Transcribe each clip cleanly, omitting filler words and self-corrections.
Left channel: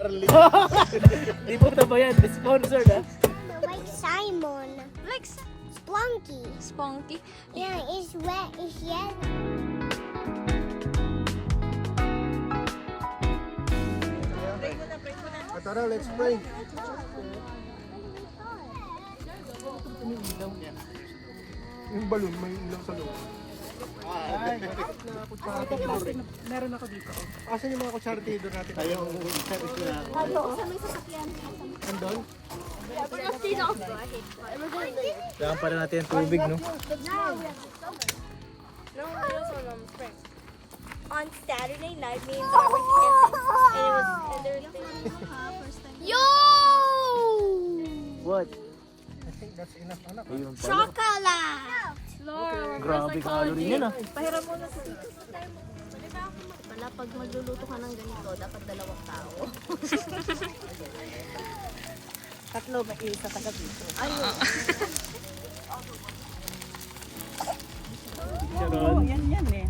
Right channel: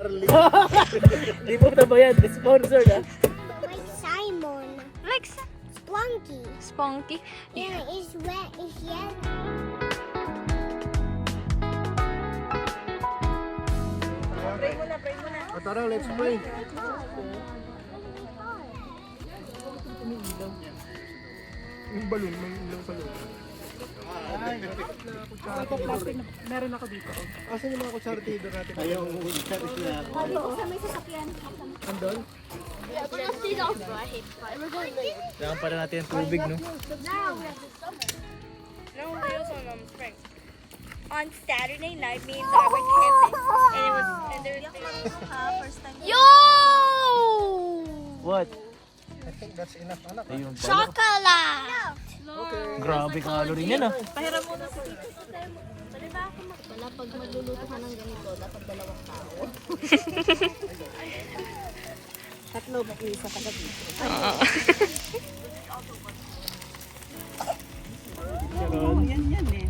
Di po ito ba yan? Sponsored ah. Like Simon. Like Splunky. Spunky. Yeah, it's wet. It's yellow. Tara, let's play. Yung balloon, may ilang sa loob. Ito plastic na meron ako dito. Asan yung mga kutsartido natin? Ayaw, service na ako. Andon? Kailangan pa na natin yung tubig, no? On Saturday night, me and Dad went camping, and it was and there was Yo! What? I think that's enough, anak. Ayun. Chocolate! Grabe calorie yan ah. Wala, pag magluluto ka ng ganito, dapat 2 tao. Tatlo, may isa taga dito. Sharon. Yan eh.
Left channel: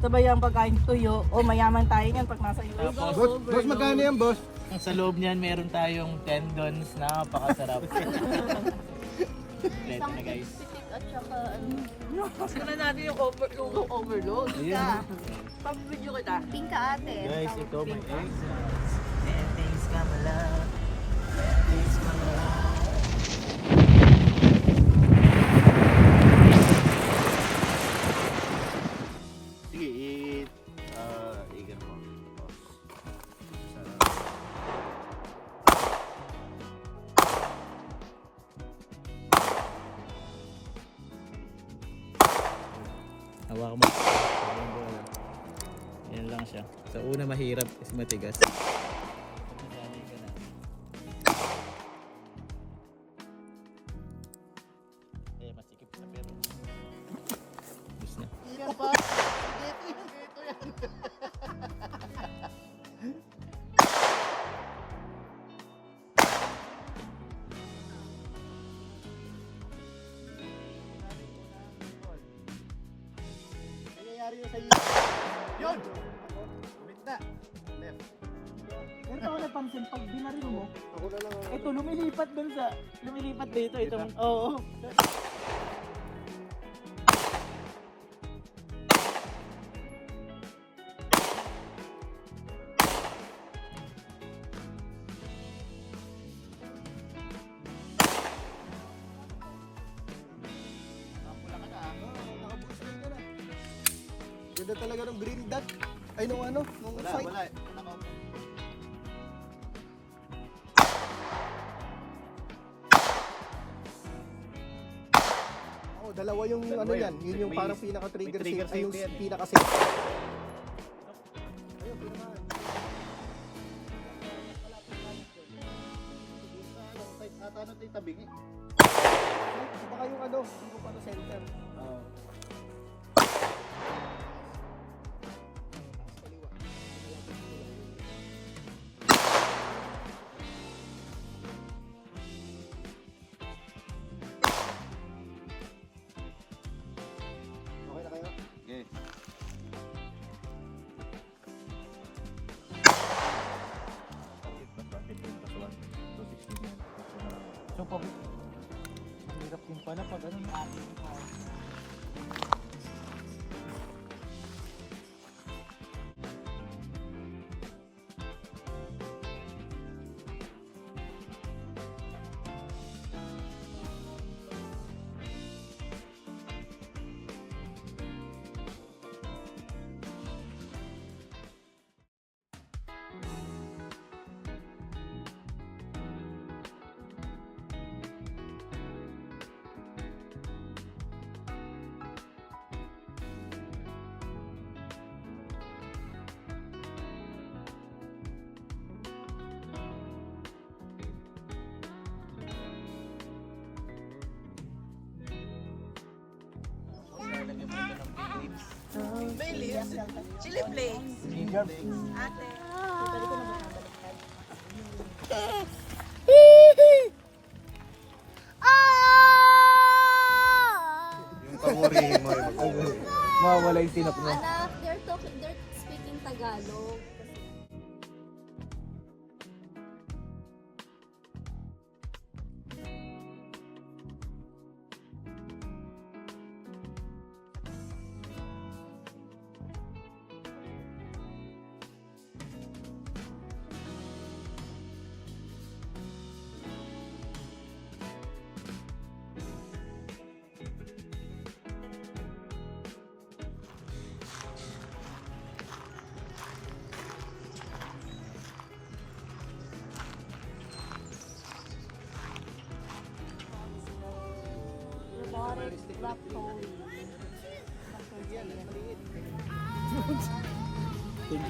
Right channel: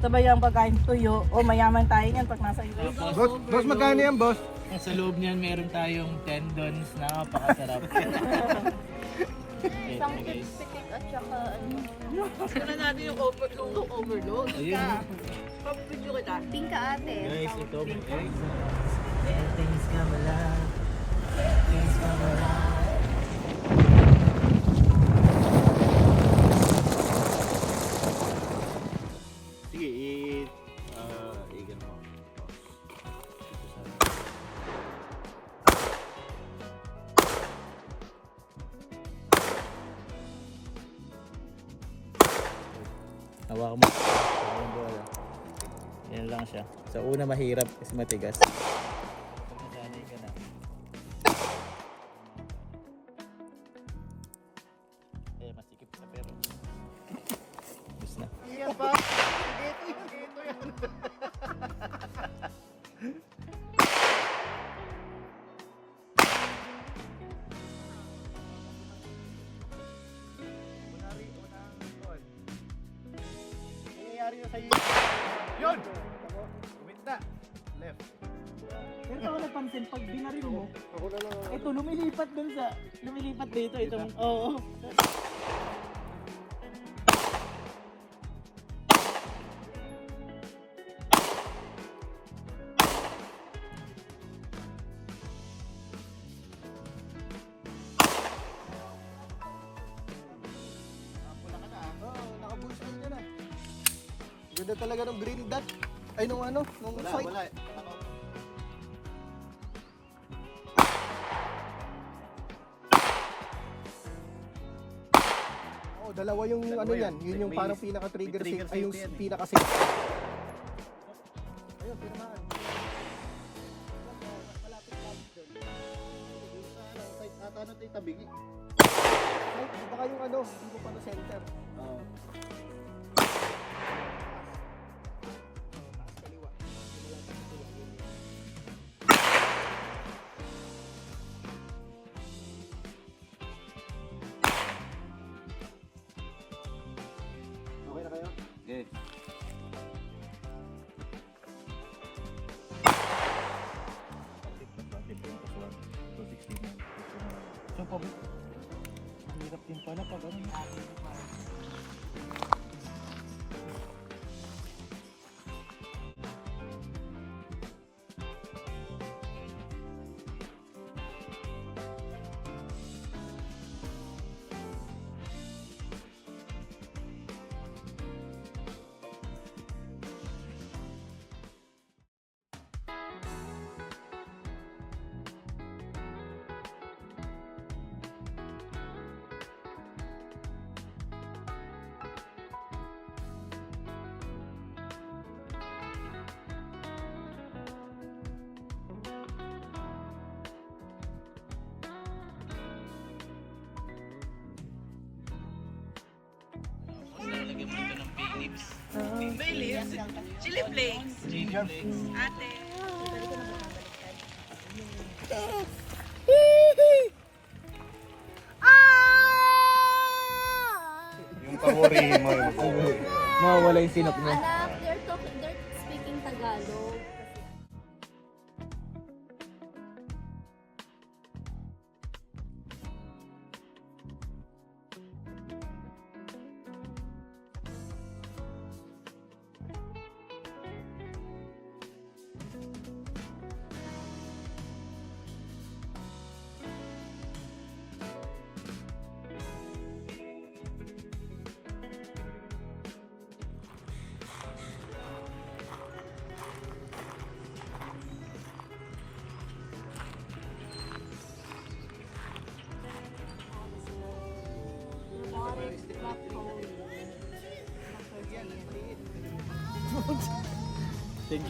Sabay ang pagkain tuyo. O mayaman tayo yan pag nasa iyo. Boss, magkano yan, boss? Sa loob niyan meron tayong tendons na napakasarap. Isang guys. At saka, Saan natin yung overload? Ayun. Pag-video kita. pingka ate. Guys, ito may guys. Things come alive. Things come alive. Sige, i-gan mo. Hawakan mo. Yan lang siya. Sa una mahirap kasi matigas. Pag nasanay ka na. Eh, masikip sa pero. Gusto na. Yan pa. Ito yan. Nangyayari na sa'yo. Yun! Uminta. Left. Pero ako napansin, pag binaril mo, Ako na lang. ito lumilipat dito. Itong, oo. Naka-boosted ka na. Ganda talaga ng green dot. Ay, nung ano? Nung Wala, sight. wala. Oo, dalawa yung ano yan. Yun yung parang pinaka-trigger may trigger safe. Ay, yung safe yan eh. pinaka-safe. Ayun, pinaka- Ano ito yung tabingi? Ay, baka yung ano, hindi ko pa na center. Oo. Kaliwa. Okay na kayo? Okay. So, pag hirap din pala pag ano na. Chili flakes. Ate. Mawawala yung sinok niya. Anak, they're speaking Tagalog.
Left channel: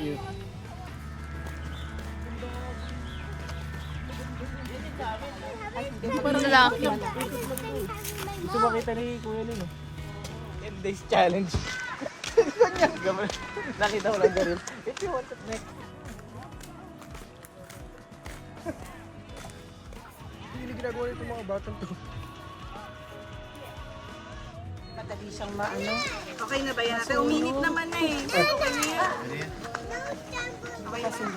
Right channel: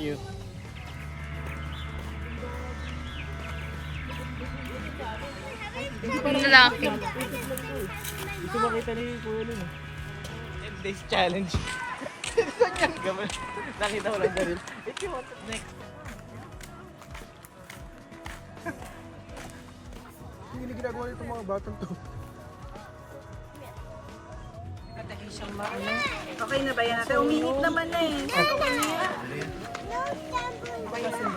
you. Hindi parang Lalaki. gusto makita ni Kuya Lin eh. 10 days challenge. Ganyan. Nakita mo lang ganun. If you want it next. Hindi ginagawa ito mga batang to. Madali siyang maano. Okay na ba yan? Ate, uminit naman na eh. Okay na yan. Okay na.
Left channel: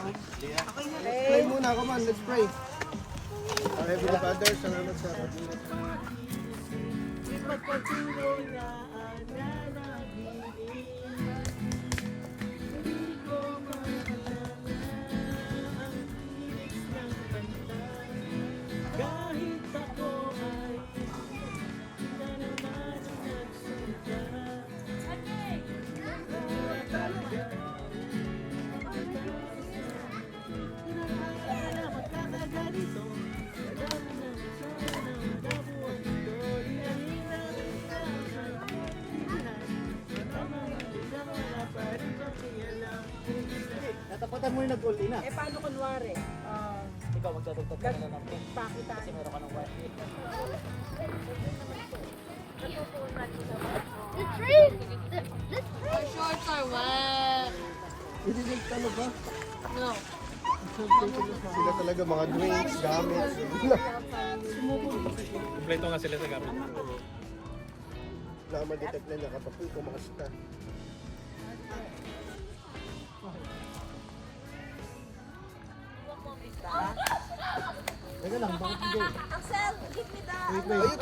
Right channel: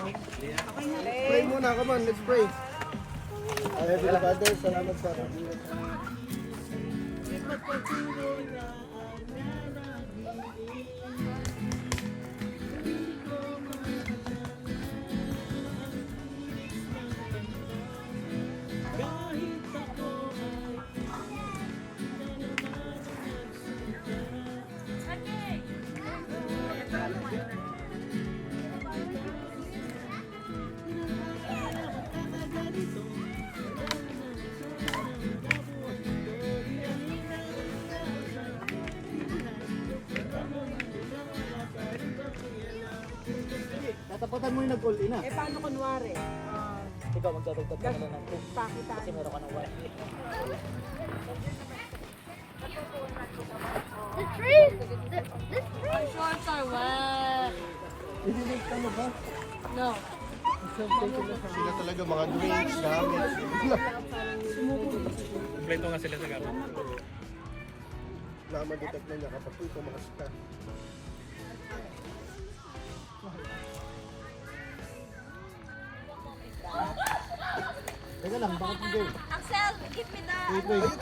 Okay na. Pray muna, come on, let's pray. Heavenly Father, salamat sa kabinet. Ipagpatuloy na ang nananaginip. Hindi ko makakalaman ang tinis ng kanta. Kahit ako ay hindi na naman ang nagsunta. Talaga. Pinakaya na magkakaganito. Tatapatan mo yung nag-all-in ah. Eh paano kunwari? Ikaw magdadagdag ka na ng Pakita. kasi meron ka ng wifi. My shorts are wet. Hindi ka ano ba? No. Sila talaga mga drinks, gamit. Kompleto nga sila sa gamit. Na-detect na niya kapag tumakas ka. Teka lang, bakit hindi? Axel, give me that. Wait, wait.